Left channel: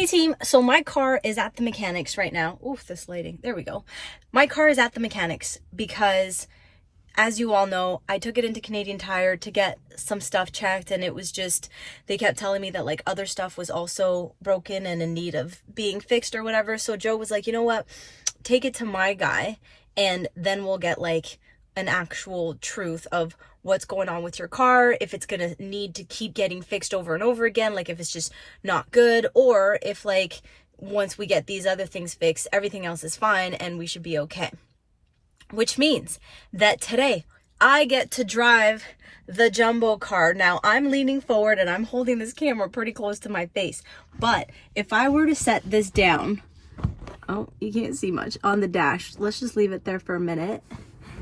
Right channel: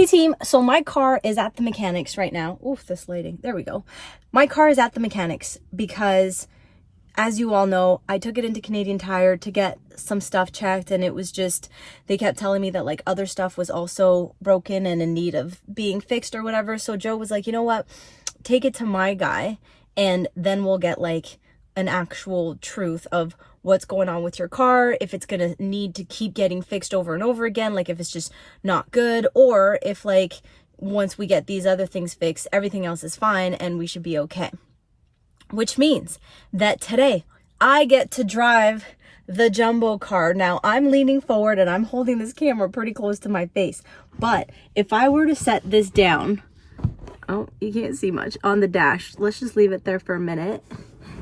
Hey team, so my car is at the mechanics right now. Oof, this lighting, there we go. My car is at the mechanics because, as you all know, I took it into Canadian Tire to get some stuff checked, and it was just, they kept telling me that like other stuff was also broken and in need of being fixed or whatever. So Joe was like, you know what, take it to my guy and then we'll get like an actual truth of what's going on with your car, if it's gonna need to keep getting fixed over and over again, like if it's just not good, or if like once we get these other things fixed, everything else is fine and we should be okay. Which means that today I get to drive the jumbo car. Now I'm leaning forward and I'm holding this camera pretty close to my face, but if I were to set this down, oh, you can't see much on the dash, let's just leave it there for a minute,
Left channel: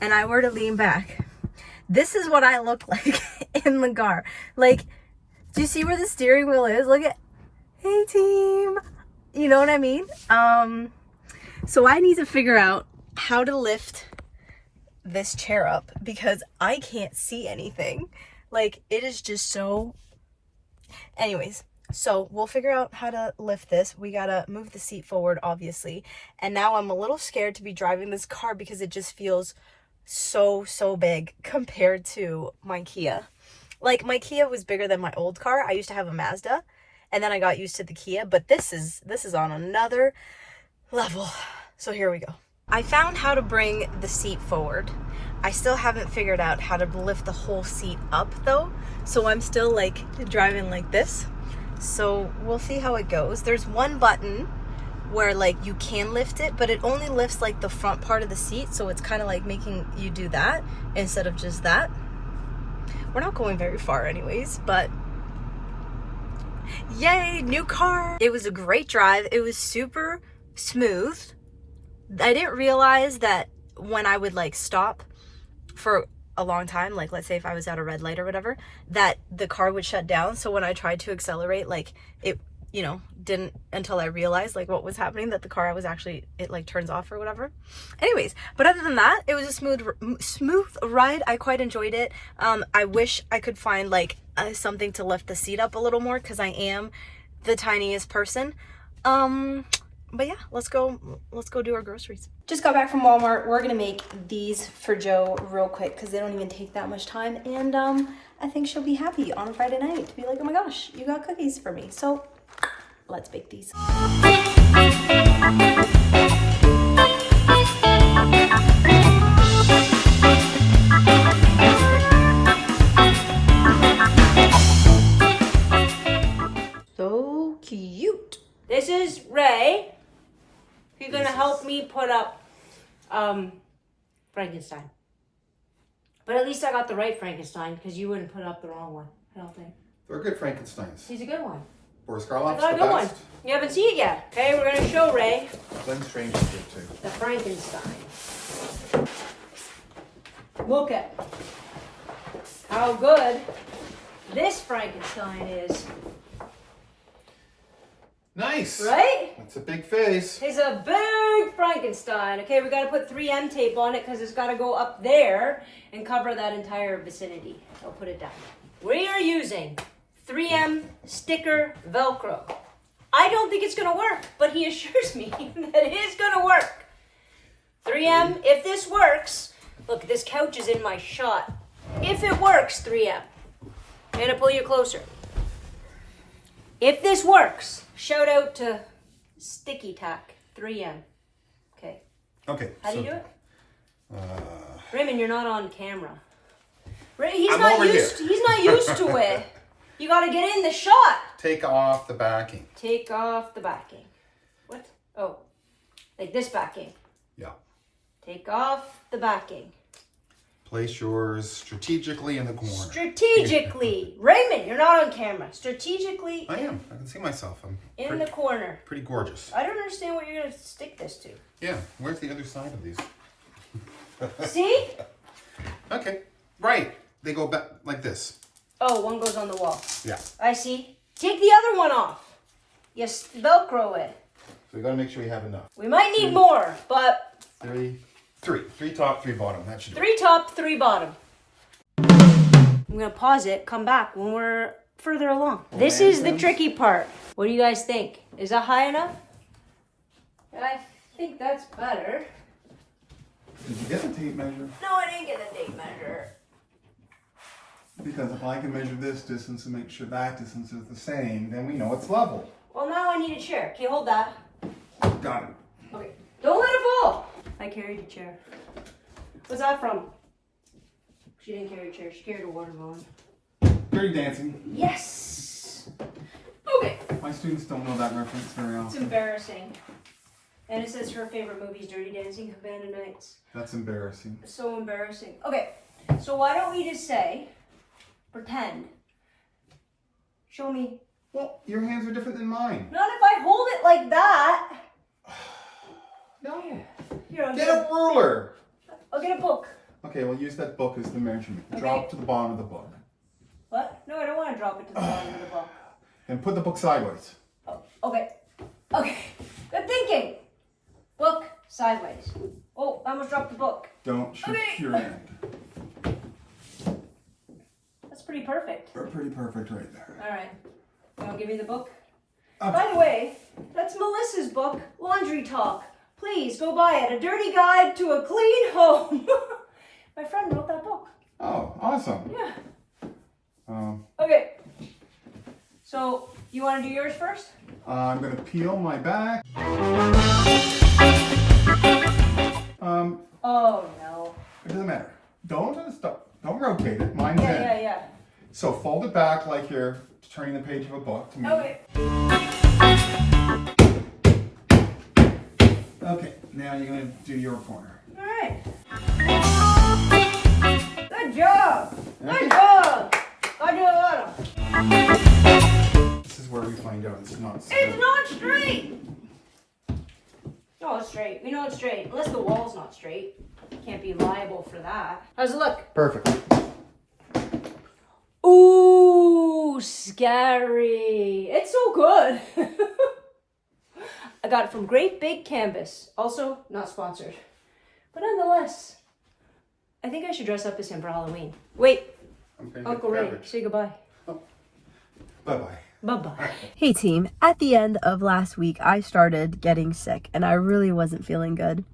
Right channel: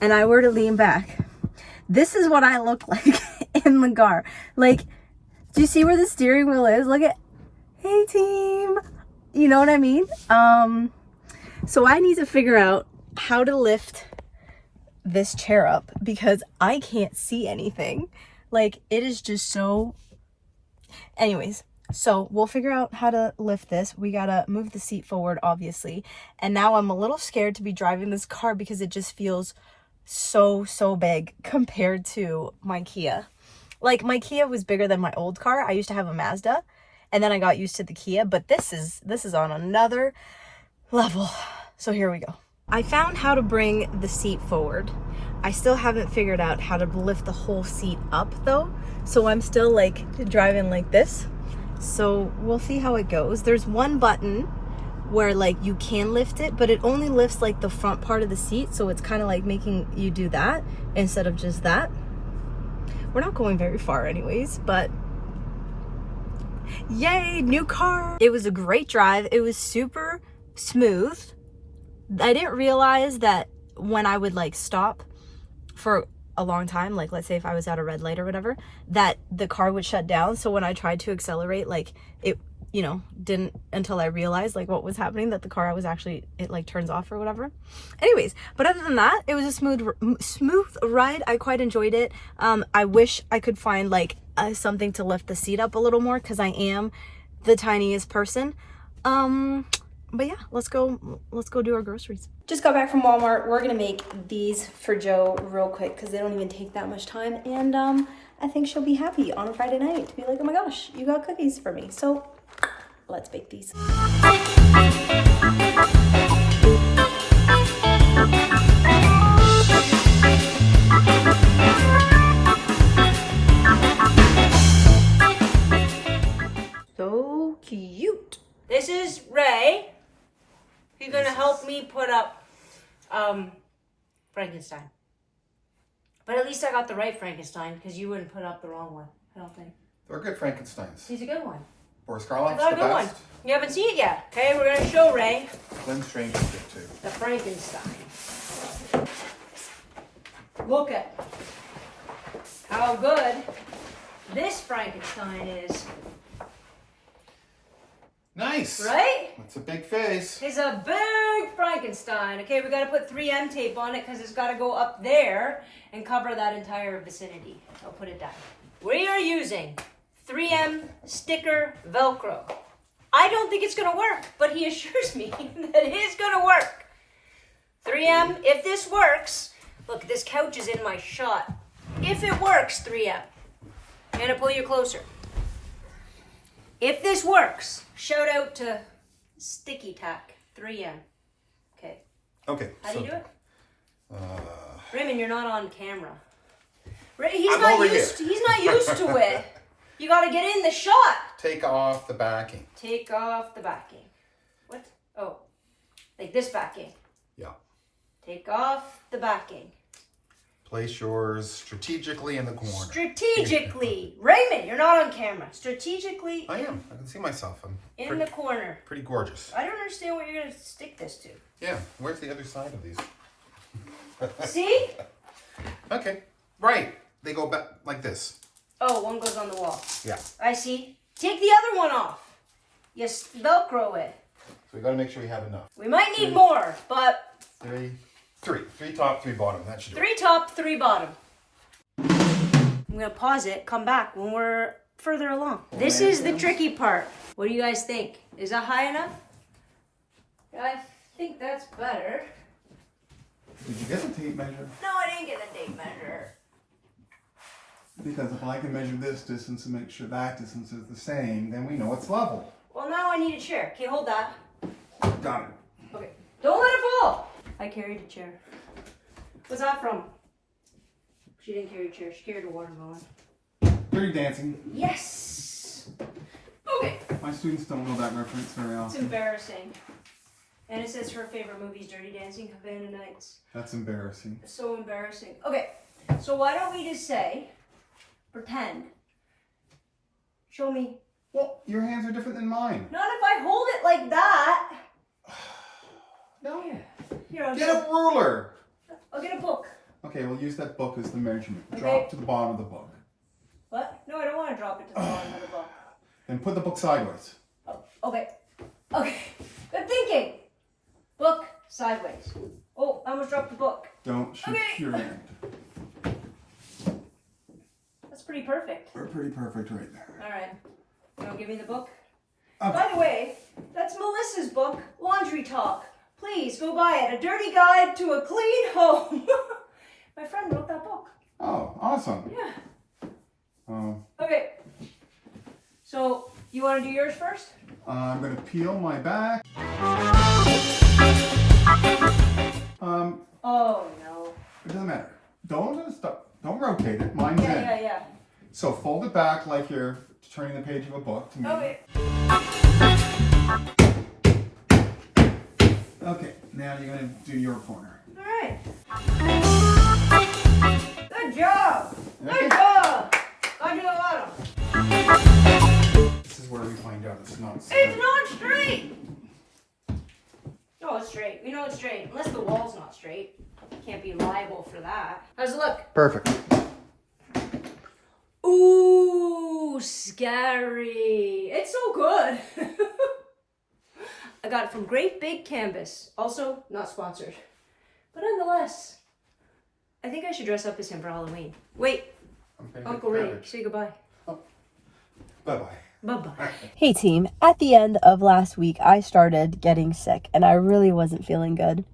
and I were to lean back, this is what I look like in the car. Like, do you see where the steering wheel is? Look at, hey team, you know what I mean? So I need to figure out how to lift this chair up because I can't see anything. Like, it is just so, anyways, so we'll figure out how to lift this. We gotta move the seat forward, obviously. And now I'm a little scared to be driving this car because it just feels so big compared to my Kia. Like, my Kia was bigger than my old car. I used to have a Mazda and then I got used to the Kia, but this is on another level. So here we go. I found how to bring the seat forward. I still haven't figured out how to lift the whole seat up though. So I'm still like driving like this. So we'll see how it goes. There's one button where like you can lift it, but it only lifts like the front part of the seat. So it's kind of like making you do that instead of just that. We're not going very far anyways, but yay, new car. It was a great drive. It was super smooth. I didn't realize that when I would like stop for a long time, like let's say if I was at a red light or whatever, that the car would shut down. So when I tried to accelerate, like it, you know, didn't until I realized like what was happening, that the car was actually, it like turns off or whatever. Anyways, but other than that, it was a smooth ride. I quite enjoyed it. I wish I could find like something to lift the seat up a little more because I am the tiniest person. But yeah, let's go do our groceries. Just got back from Walmart. We're gonna make these for Joe real quick because they don't even take that much time. And I think she'll be happy on a Friday night to be like, oh my gosh, you got cookies for me. So let's bake these. So cute. This is Ray. He's gonna help me put up Frankenstein. But at least I got the right Frankenstein because you wouldn't put up the wrong one, I don't think. They're good Frankensteins. He's a good one. Boris I Karloff's got the a good best. one. You haven't seen it yet. Okay, we're gonna show Ray Glenn Strange is good too. the Frankenstein. Look at how good this Frankenstein is. Nice. Right? That's a big face. It's a big Frankenstein. Okay, we got to put 3M tape on it because it's got to go up there and cover that entire vicinity. I'll put it down. We are using 3M sticker Velcro. I don't think it's going to work, but he assures me that it is going to work. 3M, if this works, look, this couch is in my shot. If it works, 3M, I'm going to pull you closer. If this works, shout out to Sticky Tack 3M. Okay. Okay. How do you do it? Uh, Raymond, you're not on camera. He's I'm not over used. He's not used to it. You got to get in the shot. take off the backing. Take off the backing. What? Oh, like this backing. Yeah. Take off the backing. Place yours strategically in the corner. Strategically, Raymond, you're not on camera. Strategically. I am. I can see myself. I'm in the corner. pretty gorgeous. I don't understand what you're gonna stick this to. Yeah. Where's the other side of these? See? Okay. Right. They go back like this. Oh, one goes on the wall. Yeah. I see. Take the other one off. Yes, Velcro it. So we got to make sure we have enough. We might need more, but... Three top, three bottom. That should do it. 3 top, 3 bottom. I'm going to pause it, come back when we're further along. This is the tricky part. What do you guys think? Is that high enough? I think that's better. Did you get the tape measure? No, I didn't get the tape measure. Because if I can measure this distance and make sure that distance is the same, then we know it's level. Well, now I need a chair. Okay, hold that. Got it. Okay, don't let it fall. I carried a chair. What's that from? She didn't carry a chair. She carried a watermelon. Dirty Dancing. Yes. Okay. My students don't know that reference very It's often. embarrassing. And it says her favorite movie is Dirty Dancing, Havana Nights. That's embarrassing. So embarrassing. Okay, so why don't we just say, pretend. Show me. Well, your hands are different than mine. Not if I hold it like that. No. Here, I'll Get a ruler. I'll get a book. Okay, we'll use that book as the measurement. Okay. Drop to the bottom of the book. What? No, I don't want to drop it to the bottom of the book. Then put the book sideways. Oh, okay. Okay. Good thinking. Book sideways. Oh, I almost dropped the book. Don't shoot Okay. your end. That's pretty perfect. We're pretty perfect right there. All right. Now give me the book. Okay. By the way, that's Melissa's book, Laundry Talk. Please go buy it. A Dirty Guide to a Clean Home. My friend wrote that book. Oh, awesome. Yeah. Um, Okay. So, you want to do yours first? I'm going to peel my back. Oh, no. It doesn't matter. Don't stop. Don't rotate it. Mine's in. Yeah. So fold it back like you're turning the page of a book to me. Okay. Okay, now you're going to do your corner. All right. Good job. Okay. Good job. I do a lot of. This is where we find out it's not It's straight. not straight. No, it's straight. We know it's straight. Unless the wall's not straight. Can't be liable for that. How's it look? Perfect. Ooh, scary. It's so good. I got it from Great Big Canvas. Also, not sponsored. But nonetheless, I think I should dress up as him for Halloween. Wait, Okay, Uncle Ray, garbage. say goodbye. Bye-bye. Bye-bye. Hey team, at the end of last week, I started getting sick and I really wasn't feeling good.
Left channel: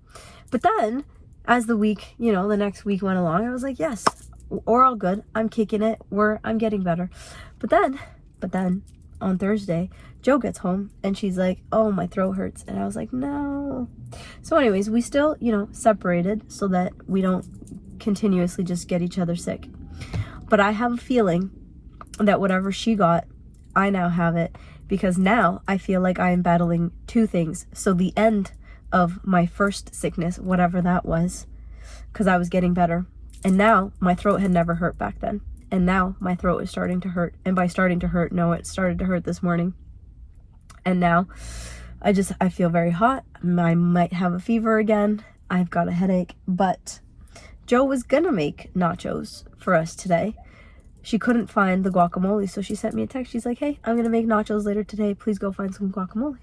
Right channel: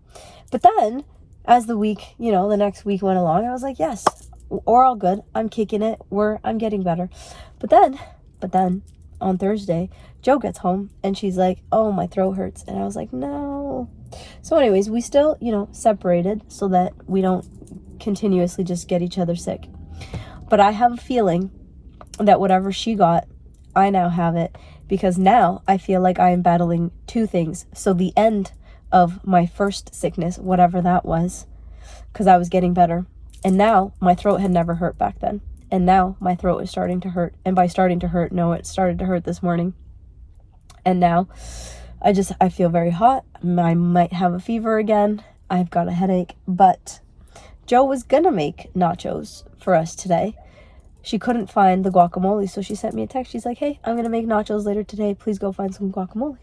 But then, as the week, the next week went along, I was like, yes, we're all good. I'm kicking it. I'm getting better. But then, on Thursday, Jo gets home and she's like, oh, my throat hurts. And I was like, no. So anyways, we still, separated so that we don't continuously just get each other sick. But I have a feeling that whatever she got, I now have it, because now I feel like I am battling two things. So the end of my first sickness, whatever that was, because I was getting better, and now my throat had never hurt back then, and now my throat is starting to hurt. And by starting to hurt, no, it started to hurt this morning. And now I feel very hot. I might have a fever again. I've got a headache. But Jo was gonna make nachos for us today. She couldn't find the guacamole, so she sent me a text. She's like, hey, I'm going to make nachos later today. Please go find some guacamole.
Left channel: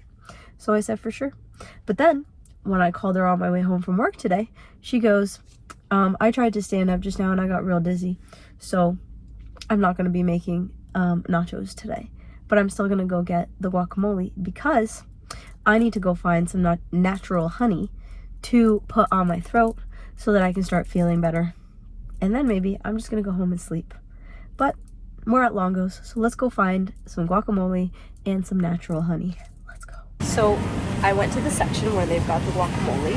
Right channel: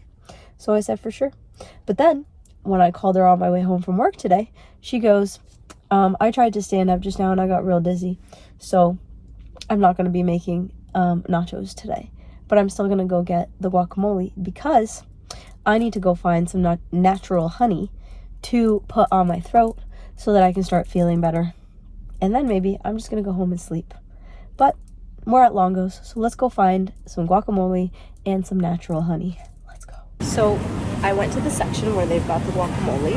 So I said, for sure. But then, when I called her on my way home from work today, she goes, I tried to stand up just now and I got real dizzy. So I'm not going to be making nachos today. But I'm still going to go get the guacamole because I need to go find some natural honey to put on my throat so that I can start feeling better. And then maybe I'm just going to go home and sleep. But more at Longo's, so let's go find some guacamole and some natural honey. Let's go. So I went to the section where they've got the guacamole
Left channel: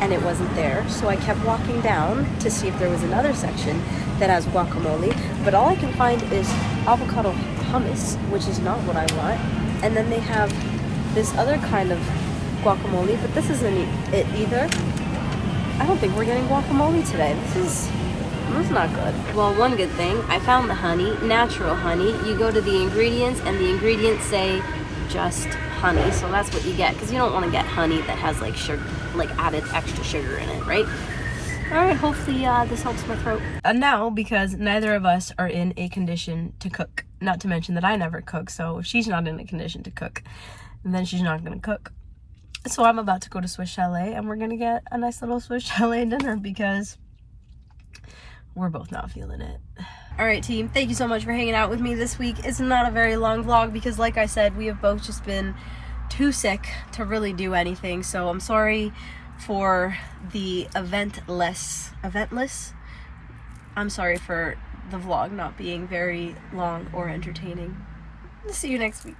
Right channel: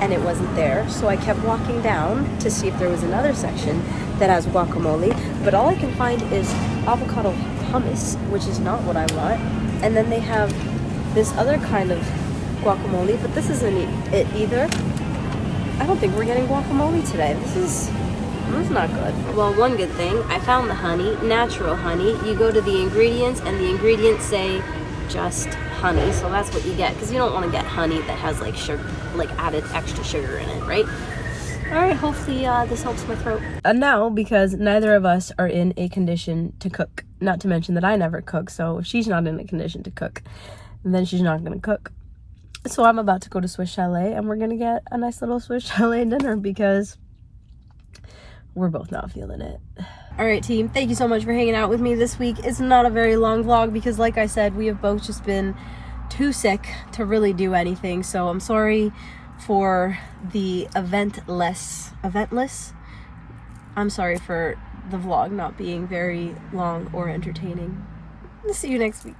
and it wasn't there. So I kept walking down to see if there was another section that has guacamole. But all I can find is avocado hummus, which is not what I want. And then they have this other kind of guacamole, but this isn't it either. I don't think we're getting guacamole today. This is not good. Well, one good thing, I found the honey, natural honey. You go to the ingredients and the ingredients say just honey. So that's what you get, because you don't want to get honey that has like sugar, like added extra sugar in it, right? All right, hopefully this helps my throat. And now, because neither of us are in a condition to cook, not to mention that I never cook, so if she's not in a condition to cook, then she's not going to cook. So I'm about to go to Swiss Chalet and we're going to get a nice little Swiss Chalet dinner because we're both not feeling it. Alright team, thank you so much for hanging out with me this week. It's not a very long vlog because like I said, we have both just been too sick to really do anything. So I'm sorry for the eventless. I'm sorry for the vlog not being very long or entertaining. See you next week.